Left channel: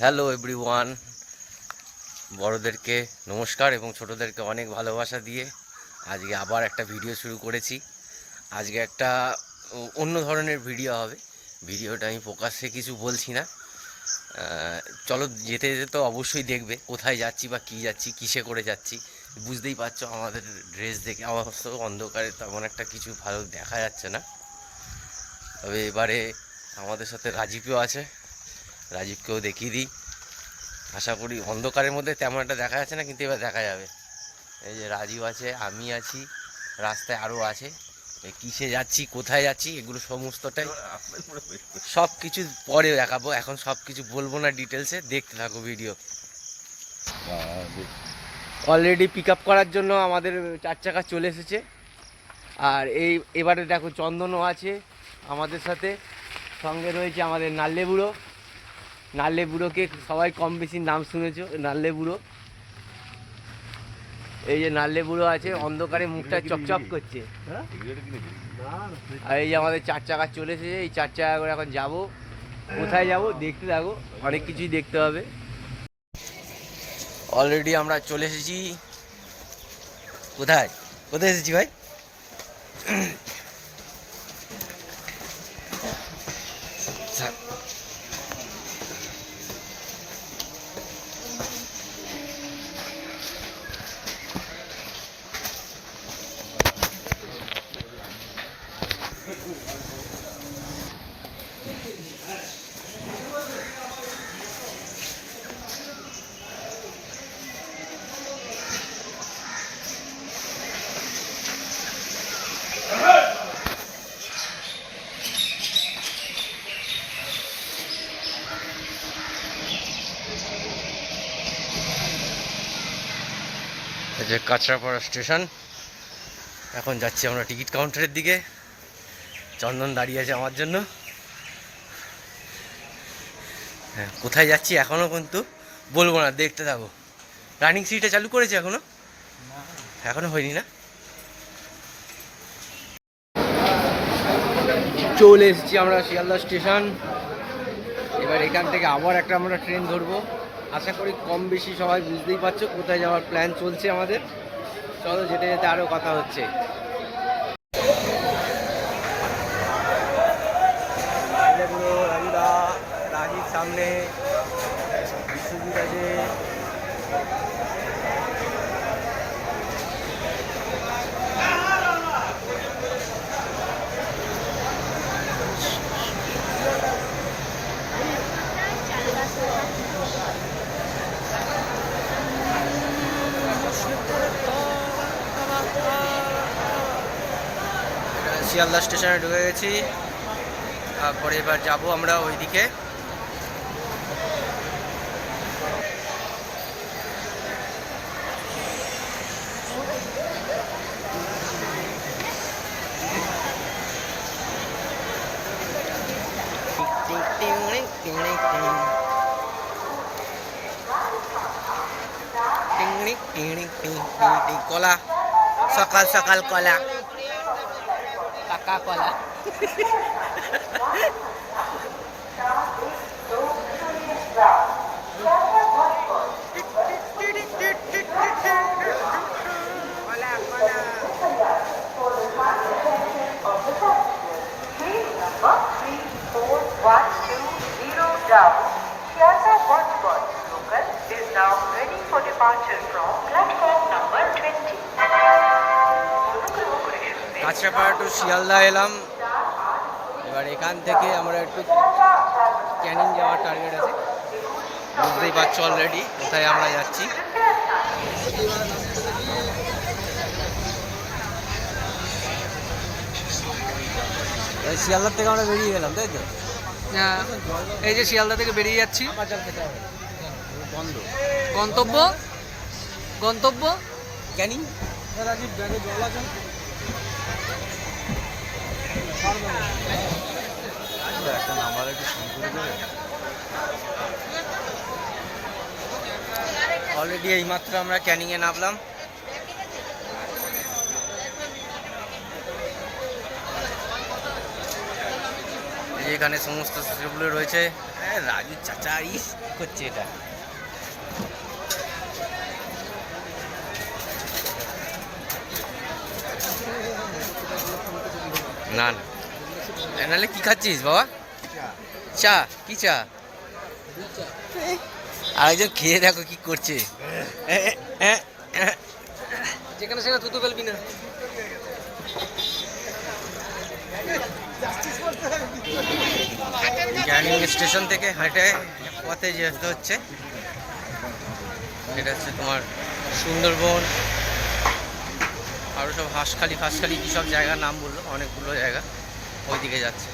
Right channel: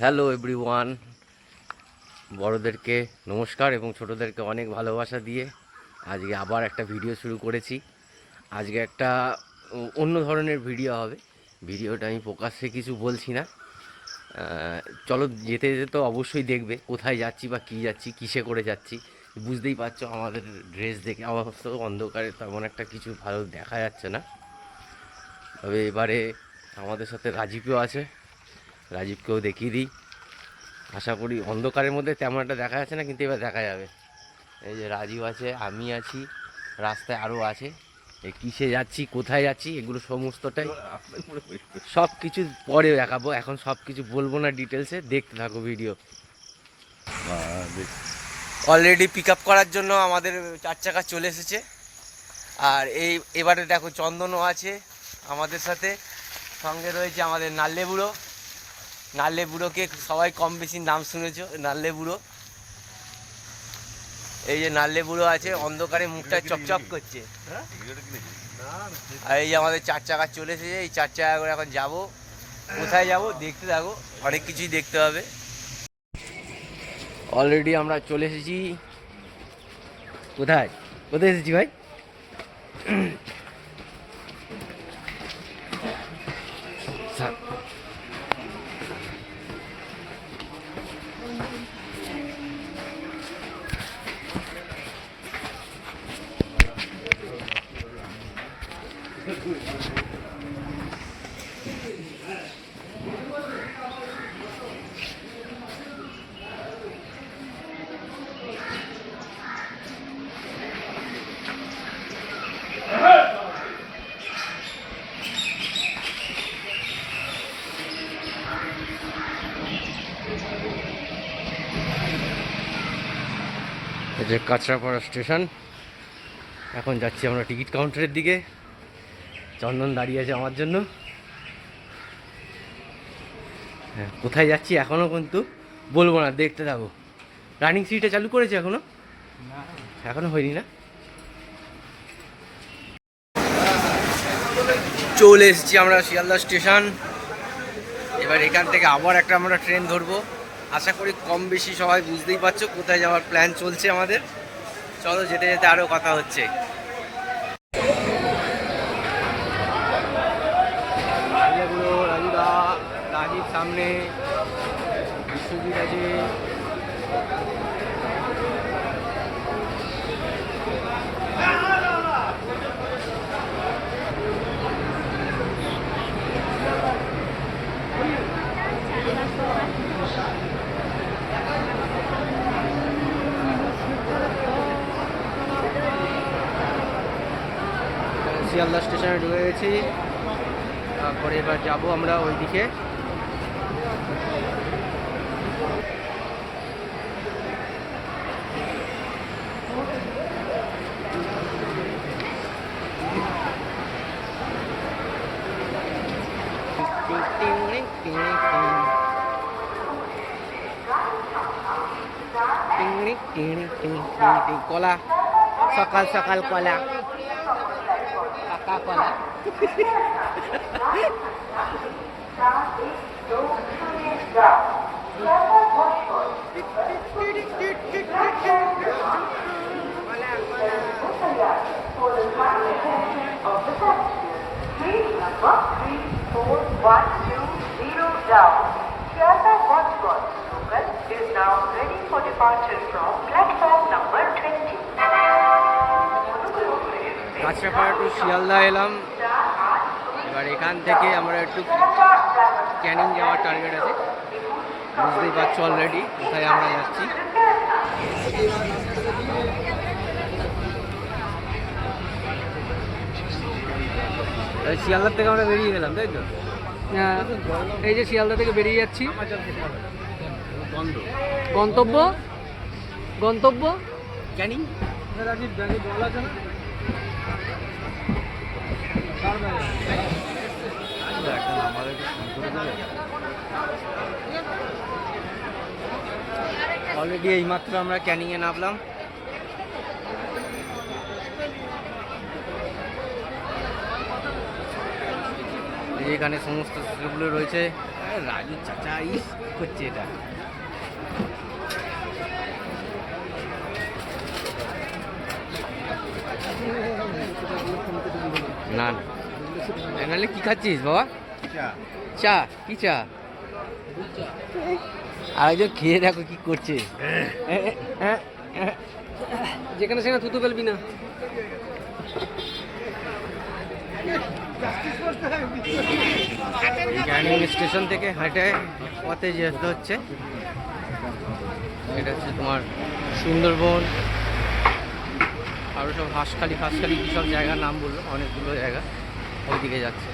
Hello everyone, বড়োদেরকে নমস্কার এবং ছোটোদেরকে অনেক ভালোবাসা দিয়ে আজকে আবার একটা ভিডিও শুরু করেছি। আজকে একটা অন্য ধরনের ভিডিও হবে। ভিডিওটা আমি প্রকাশ্যে কিছু বলছি না। চলো, যেতে যেতে তো অবশ্যই দেখবে কোথায় যাচ্ছি বা কী যাচ্ছি, কিসে করে যাচ্ছি। বুঝতেই পারছো আমাদের ড্রেস দেখে অবশ্য অন্ধকারে তেমন একটা কিছু ভালো দেখা যাচ্ছে না। তবে এবারে আমাদের সাথে রাজীবও আছে, রাজীবকেও দেখিয়ে দিই। আশা করি অন্ধকারের মধ্যে তেমন একটা দেখা যাচ্ছে না, কিন্তু এবার দেখা যাবে। এই যে রাজীব আছে, আমি আছি, রাস্তায় আরও আছে। এই কিসে যাচ্ছি, কোথায় যাচ্ছি, এগুলো সমস্তটাই সব কিছু পরে দেখাবো। এখন সব কিছু বলবো না ডিটেলসে, দেখতে থাকো ভিডিও। অলরেডি পিক আপ করার জন্য আমাদের 4 চাকা চলে এসেছে। আর এবারে দেখো চন্দনও আছে আমাদের সাথে, সঙ্গে রয়েছে আমাদের নাল্লে বুড়ো। নাল্লে বুড়োকে সবাই কম বেশি নাম শুনেছো, নাল্লে বুড়ো। এই যে নাল্লে বুড়ো আছে, অন্ধকারে মুখটা চপচপ করছে। আর এই যে আমাদের 4 চাকা চলে এসেছে, এই 4 চাকা করে এখন যাবো। কোথায় যাবো দেখতে থাকো, অনেক কিছুই দেখতে হবে। অলরেডি আমরা চলে এসেছি। কোথায় কোথায় এসেছি ভাই? এই যে কাঁচরাপাড়া স্টেশন। এখন যাচ্ছি আমরা টিকিট কাউন্টারের দিকে। চন্দন দাঁড়িয়ে আছে আমার জন্য। হ্যাঁ, কোথায় যাচ্ছি এখনও কিন্তু বলবো না, দেখতে থাকো। রানিং সিটে চালু করেছে এখনো? এখনো হয়নি না? চলে এসেছি আমরা শিয়ালদা স্টেশন। এবার এখান থেকে আবার একটা আমরা ট্রেন ধরবো। আশা করি কম বেশি সবাই বুঝতেই পারছো কোথায় যাওয়ার প্ল্যান চলছে আমাদের। চলো, যেতে যেতে আরও কথা হচ্ছে। রাজুদা, রাজীব সামনে, বিশ্বজিৎ আছে। শিয়ালদা স্টেশনে ঢুকে গেছি। তারপরে এবার যাবো আমরা ওইদিকে। কলা, সকাল সকাল কলা, পাকা কলা। Number 34120 down. Plaza Watchbot local is now ready for departure from platform number 20. Kanchrapara to Sealdah এলাম। এবার এখান থেকে আমরা একটু ক্যানিং যাওয়ার টার্গেট আছে। বুঝতেই পারছো অলরেডি কোথায় আমরা যাচ্ছি। শিয়ালদা থেকে আমরা বেরিয়ে গেলাম, তাই তো? হ্যাঁ, এই যে শিয়ালদা থেকে বেরিয়ে যাচ্ছি। গন্তব্য গন্তব্য ক্যানিং। অলরেডি এইমাত্র আমরা ক্যানিংয়ে নামলাম। এখানে সমস্ত সেগুলো রয়েছে। রাজু চাচা ইস করছে এটা। না না, নাহলে কি খাচ্ছিস বাবা? চা? কি চা? আরেকজন খেয়ে দেখো কি করছে। যেখানে সেখানে থুতু ফেলবি না। ক্যানিং স্টেশন থেকে হেঁটে পথে যেতে হচ্ছে। এটা হচ্ছে তোমার সুন্দরবন, আরও সব হাঁসখালি ফাঁসখালি কী সব জায়গার নাম বললো, অনেকগুলো জায়গা ওইদিকে যাচ্ছে।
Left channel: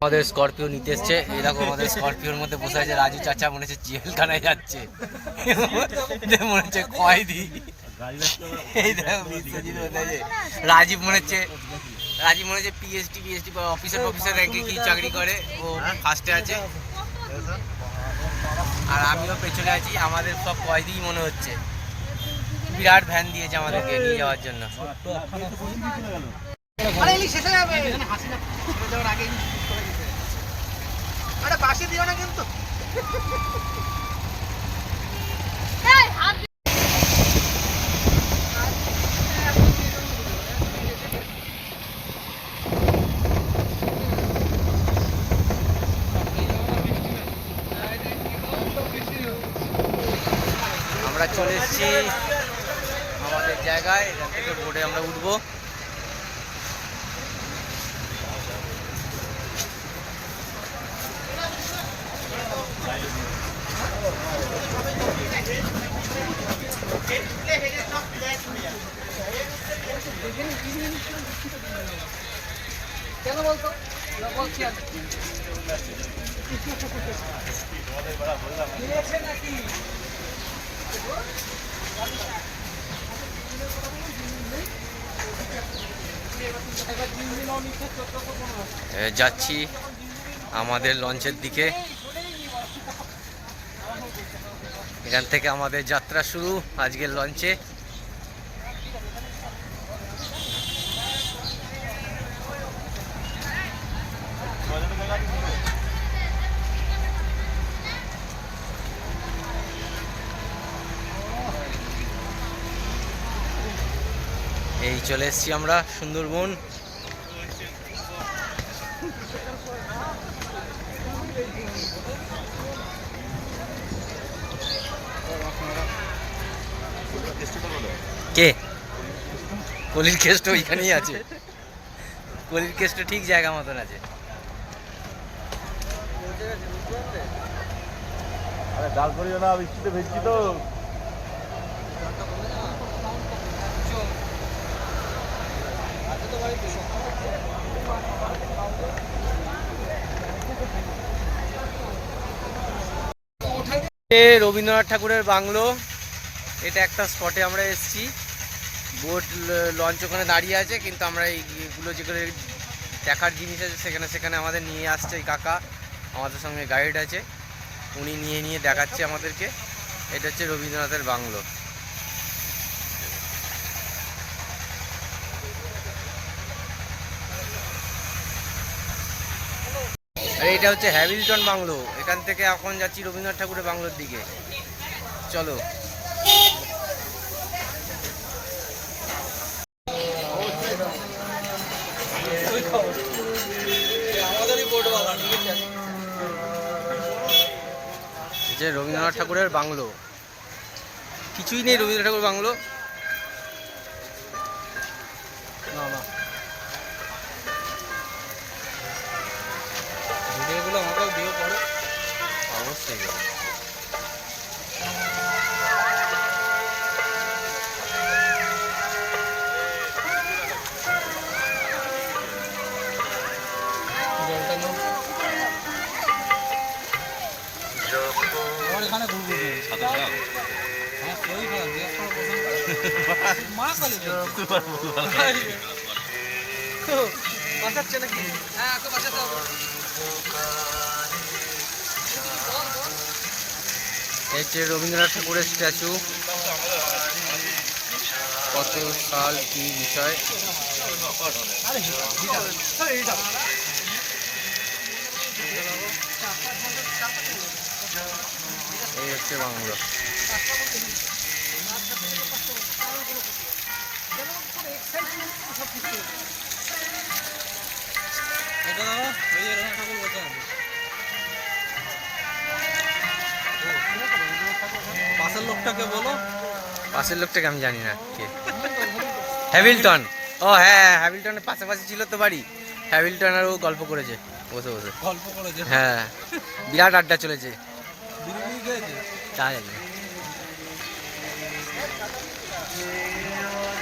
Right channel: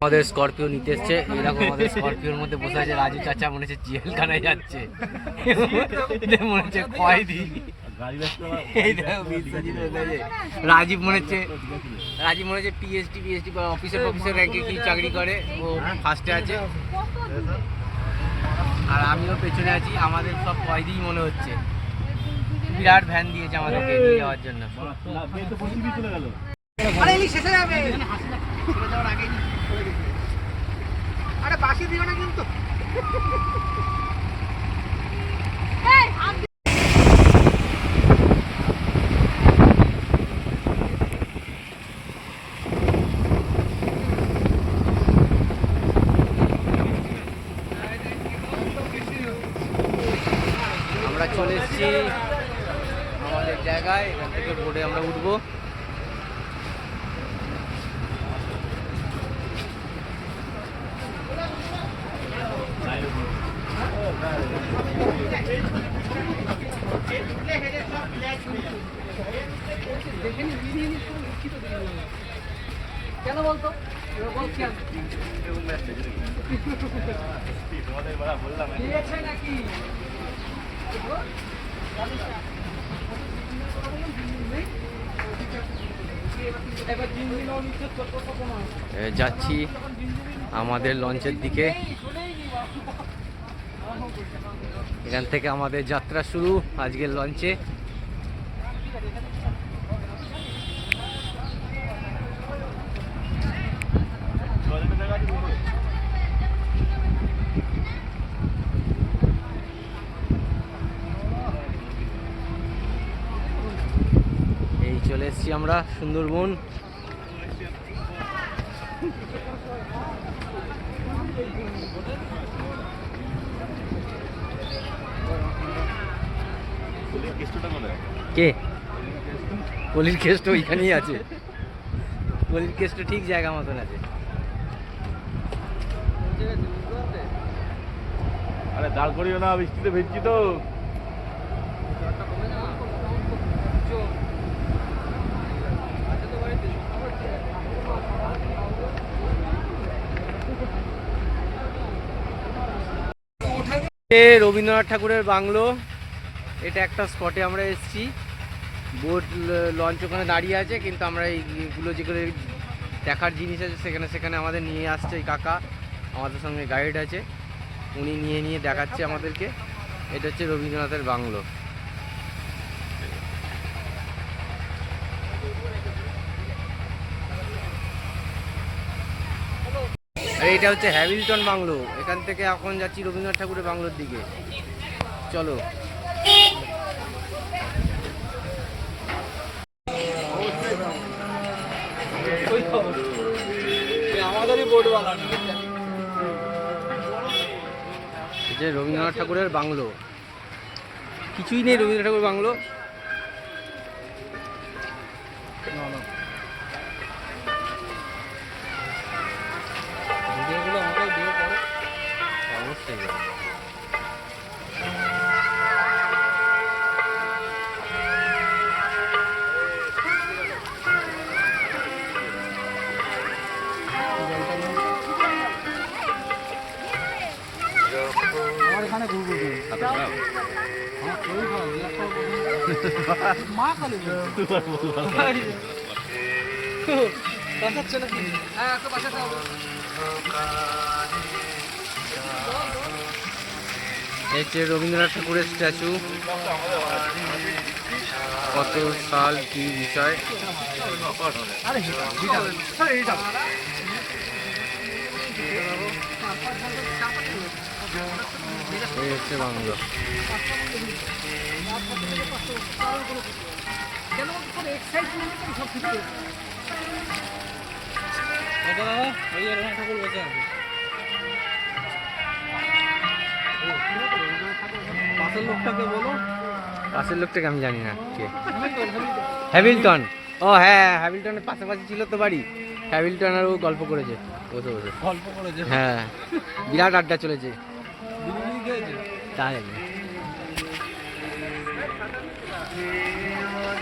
আমাদের স্করপিও নিতে এসছে, এই দেখো আমাদের স্করপিওর মধ্যে বসে আছে রাজু চাচা, মনে হচ্ছে জেলখানায় যাচ্ছে, মনে হচ্ছে কয়েদি। এই দেখো বিশ্বজিৎ বসে, রাজীব মনে হচ্ছে পিএইচডি অফিসার র্যাঙ্কে কি চাকরি করে, ও ফার্স্টে আছে। আর আমিও পেছনে আছি, আমাদের সব কয়েদিই মনে হচ্ছে। বিরাট ভ্যান দিয়েছে আমাদেরকে নিয়ে যাওয়ার জন্য। আমরা চলে এসেছি আমাদের জায়গায়, এখান থেকে বোর্ডে আমরা উঠবো। কেন বলতো? বলছি নাকি যাচ্ছি আমাদের লঞ্চের দিকে। এখান থেকে আমাদের যাত্রা শুরু আজকের লঞ্চে। এই চলে এসেছি আমরা সুন্দরবন। কে? কলির কেষ্ট ওইখানেই আছে, কলির কেষ্ট ঠিক জায়গা মতন আছে। আরে দাঁড় করিও না, বৃষ্টিতে ভেজছি তো। রবীন্দ্রনাথ ঠাকুরের বাংলো, এটা একটা স্পটে আমরা এসেছি। বোট লঞ্চ ওখানে দাঁড়িয়ে আছে, কিন্তু আমরা এইগুলো যেগুলো দেখার জিনিস আছে সেখানে সেখানে আমাদের নিয়ে আসছে এই কাকা, আমাদের সঙ্গে গাইড আছে, উনি নিয়ে দেখাচ্ছে আমাদেরকে। এটা হচ্ছে রবীন্দ্রনাথের বাংলো। আর এটা হচ্ছে হ্যামিল্টন বাংলো, এখান থেকে এখন যাচ্ছি রবীন্দ্রনাথ ঠাকুরের বাংলোর দিকে। চলো। যে রবীন্দ্রনাথ ঠাকুরের বাংলো, কিছুই নেই রবীন্দ্রনাথ ঠাকুর বাংলো। ভিডিওগুলো আমাকে দিয়ে পড়ে অবশ্যই। আমার এখানে ঘুরবো মা কালী এই যে রবীন্দ্রনাথ ঠাকুরের স্ট্যাচু, কত সাল কি বিষয়। এই হচ্ছে বাংলো। পাঁচটা বন্ধ দিই আর সাথে থেকে পাঁচটা বন্ধ কারোর কোনো ক্ষতি নেই কেন বলতো সব এক্সাইটমেন্ট সব ঠিক করে দেয়। এটা দাদা ওই যে রঙা ঠাকুর বসে আছে পাশের লোকটাকে বলো। পাশের লোকটাকে আমি জানি না কে। হ্যামিল্টন, ও হ্যাঁ হ্যামিল্টনের পাশাপাশি ছিল তো বাড়ি। হ্যামিল্টন আর ও গল্প করেছে বসে বসে। গল্প করেছে হ্যাঁ বিরাট আড্ডা চলেছে। বিরিয়ানি খেয়েছে তা জানি না।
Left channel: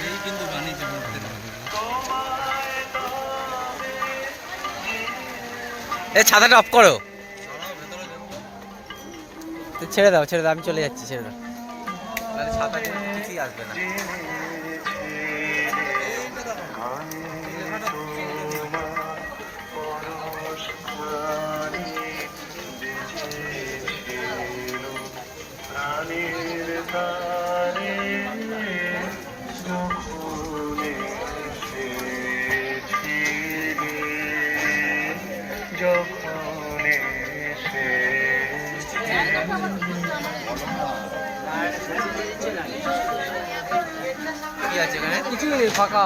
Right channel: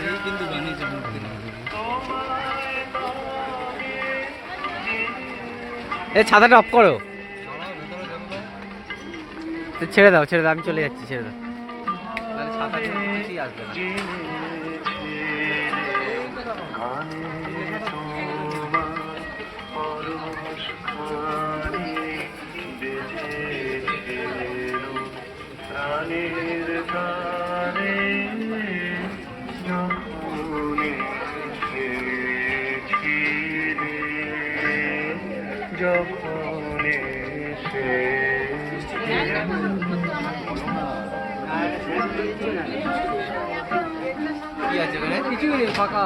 এই কিন্তু বানিয়েছে এই ছাতাটা অফ করো। তো ছেড়ে দাও ছেড়ে দাও, আমি চলে যাচ্ছি, ছেড়ে দাও। তাহলে ছাতা দিয়ে কিছুই আসবে না। কি আছে এখানে? কিছুই নেই ফাঁকা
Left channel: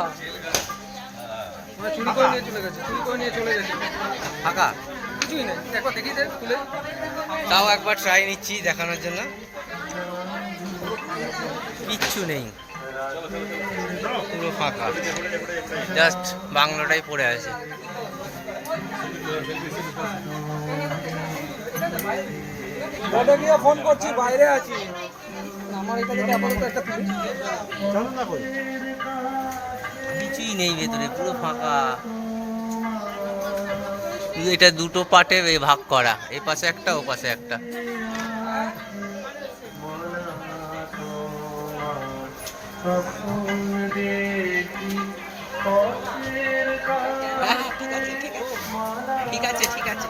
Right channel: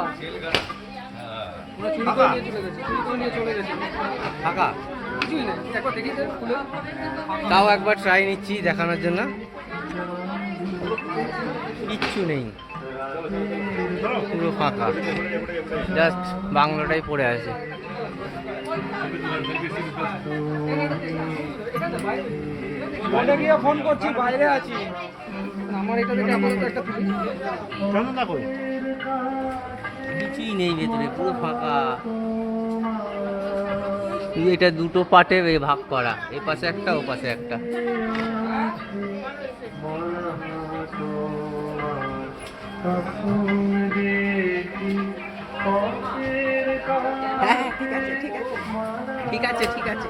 ওরা চুরি করে নিয়ে চলে গেছে চুরি করে নিয়ে চলে গেছে ফাঁকা? কিছুই নেই একবার দেখিয়ে দেন খুলে তাও একবার ট্রাই নিচ্ছি দেখানোর জন্য। কিচ্ছু নেই, পুরো ফাঁকা, জাস্ট বাংলোটাই পড়ে আছে। বাইরে গিয়ে ফোন করছি বাইরে আছি আমার এটা থেকে আপাতত একটা কিছুই নেই ভেতরে, পুরো ফাঁকা। এটা দুটো পার্টে ভাগ করা, এ পাশে একটা ও পাশে একটা। হ্যাঁ ঠিক আছে ঠিক আছে ঠিক আছে ঠিক আছে।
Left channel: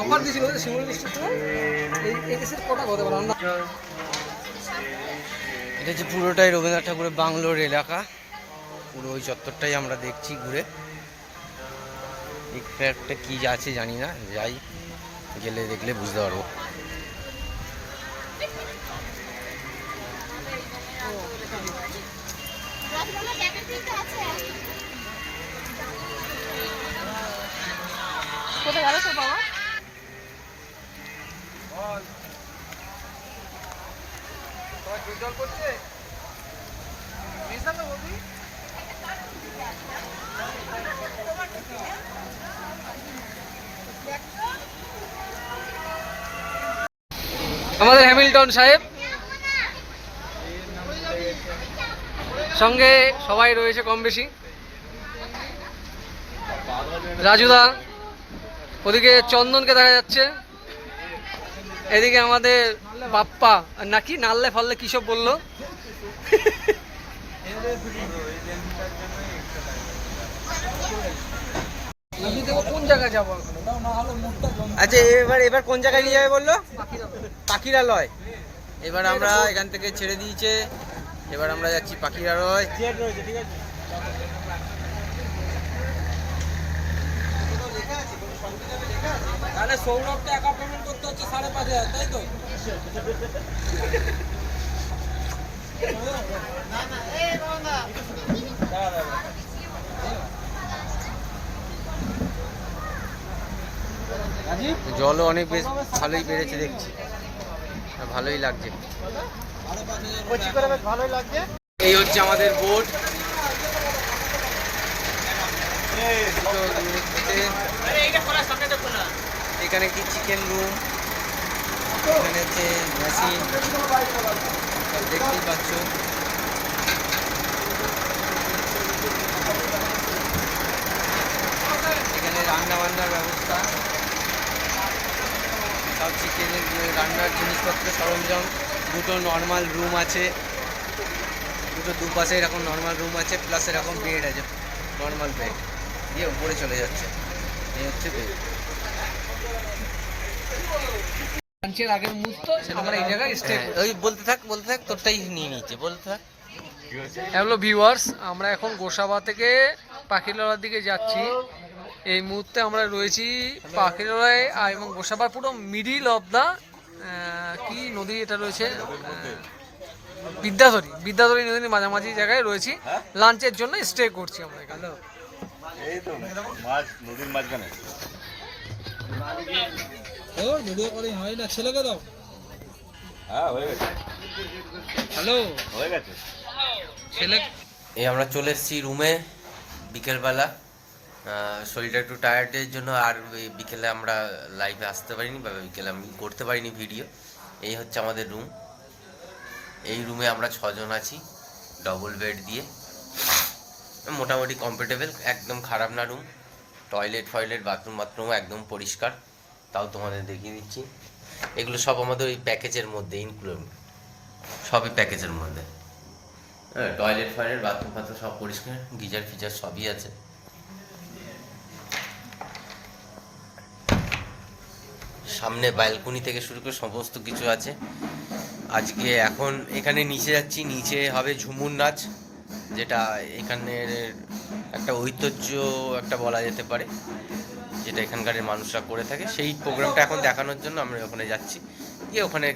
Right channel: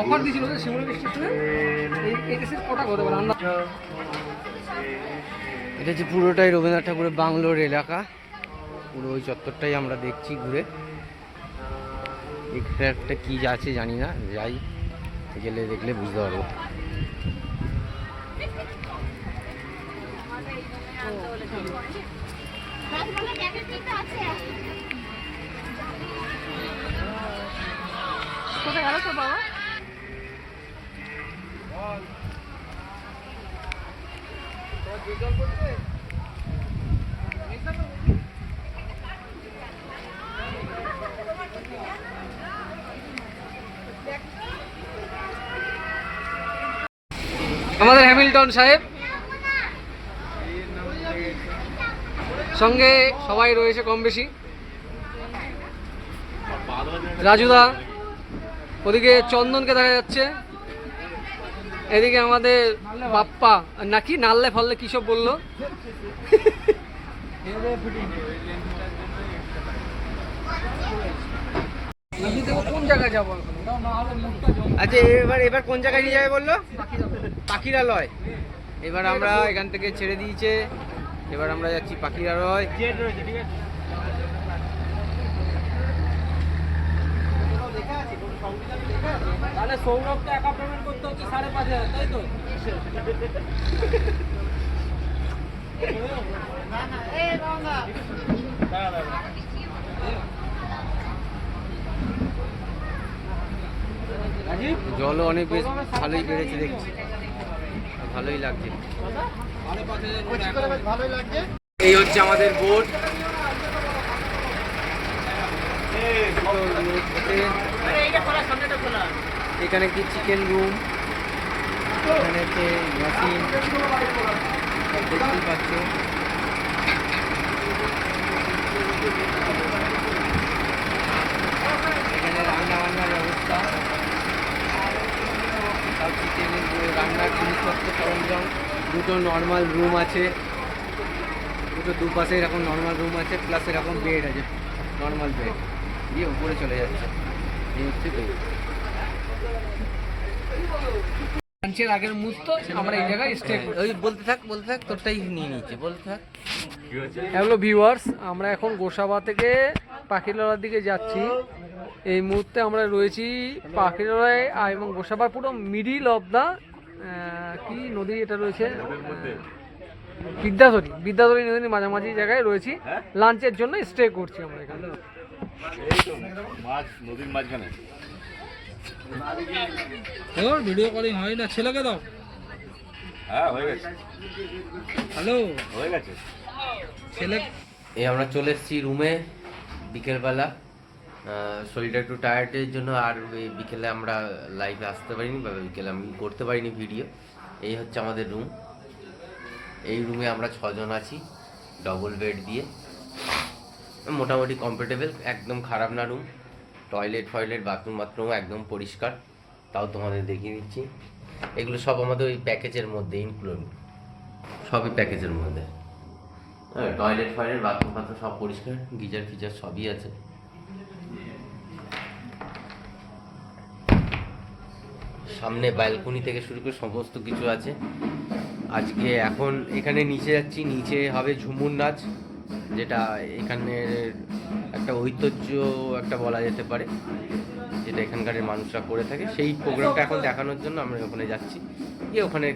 অফার দিয়েছিল শিমুল স্টেশনে এই এসে কটা হতে পারে আমরা এটা হচ্ছে পুরোটাই রবীন্দ্রনাথ ঠাকুরের বাংলোর এলাকা। পুরো ওই চত্বরটাই আমরা দেখছি ঘুরে। একটা কি আছে জানি না, যাই গেলে দেখলে বুঝতে পারবো। আমাদের হ্যামিল্টন সাহেব সঙ্গে সবাই রয়েছে কম বেশি। রাজুদা, ওদিকে চন্দনকে দেখা যাচ্ছে, এদিকে আমাদের বাপ্পা নাকি নাললে ফাললে কি সব বললো। কোন জায়গায় যাবো আচ্ছা এবার এবার কোন জায়গায় নিয়ে যাবে বললো? পাখিরালয়। এবার আমরা এখান থেকে ছেড়ে দিয়েছে, এবার আমরা যাচ্ছি পাখিরালয়। তাহলে সৌরভটা একা পেমেন্ট করতে হচ্ছে 5,500 তাই তো? জলও অনেক বেশ ভালোই বেড়েছে দেখছি, ভালোই লাগছে। এই হচ্ছে আমাদের বোট। এখানে কি চিকেন রুম, এখানে হচ্ছে মেশিন, সব দেখতেই পাচ্ছ। এখানে রান্না বান্নার ব্যবস্থা, সব চিকেনের রান্নার জিনিসপত্র সরঞ্জাম। দুটো নর্মাল রুম আছে, দুটো দুপাশে এরকম নর্মাল রুম আছে, প্লাস এরকম বেড আছে, নর্মাল বেড দিয়ে উপরে চলে যাচ্ছে। এই হচ্ছে বেড। লাঞ্চের আগের মুহূর্ত আমরা এই জায়গায় স্টে করি। ওই বলতে থাক তোরটাই নিয়ে নিচ্ছে বলতে থাক। হ্যালো ভিউয়ার্স, আমরা এখন গোসাবা থেকে পাখিরালয়র দিকে যাচ্ছি। এই মুহূর্তে আমরা রয়েছি পাখিরালয় এবং গোসাবার পুরো মিডিল অফ দ্য কি নদী এটা রয়েছে, বিদ্যাধরী নদীর মাঝামাঝি জায়গায় রয়েছি। লাঞ্চের জন্য স্টে করছি আমরা এখানে। মাছ নদীর মাঝখানে। ভিডিও কলিং হয় না, ছেলেকে দাও। হ্যাঁ হয়ে গেছে, হ্যালো, হয়ে গেছে। ছেলে এই আমরা চলে এসেছি রুমে বিকেলবেলা। শরীরটা একটু টায়ার্ডের জন্য আর এই বিকেলে আমরা লাইভে আসতে পারিনি বা বিকেলে আমি করতে পারিনি ভিডিও। এই হচ্ছে আমাদের রুম। এই রুমে আমরা 6 জন আছি, ডবল বেড দিয়ে, মোটামুটি কমফোর্টেবল, একদম খারাপ না রুম। টয়লেট বাথরুম একদম পরিষ্কার। তাও তোমাদের দেখিয়ে দিচ্ছি, এগুলো সব আমাদের ওই প্যাকেজের মধ্যে ইনক্লুড, সবই প্যাকেজের মধ্যে। হ্যাঁ, টয়লেট বাথরুম সব পরিষ্কার, গিজার ফিজার সবই আছে। সামনে ব্যালকনি থেকে শুরু করে সমস্ত কিছু আছে। আজকে এখন এখানে নিচে যাচ্ছি, নিচে হবে ঝুমুর নাচ, যেটা এখানের একটা ঐতিহ্য একটা বলা যেতে পারে, যেটা এখানকার মানুষরা করে থাকে। সেই প্রোগ্রামটা এখন দেখানোর জন্য আমরা ওখানে যাচ্ছি, গিয়ে ওখানে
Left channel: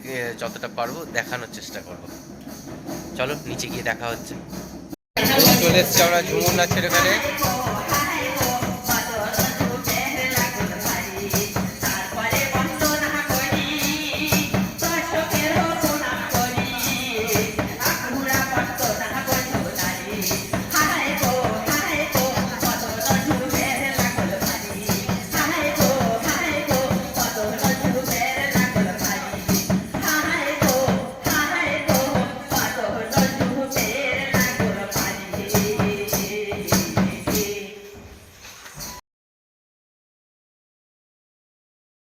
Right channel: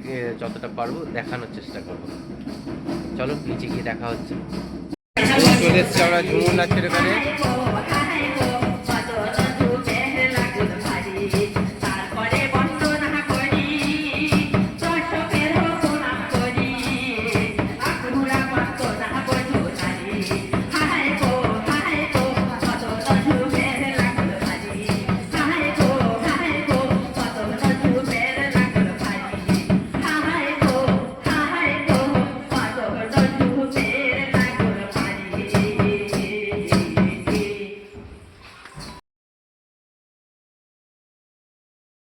যতটা পারবো দেখানোর চেষ্টা করব। চলো নিচে গিয়ে দেখা হচ্ছে। চলে এসছি আমরা ঝুমুর নাচের এখানে।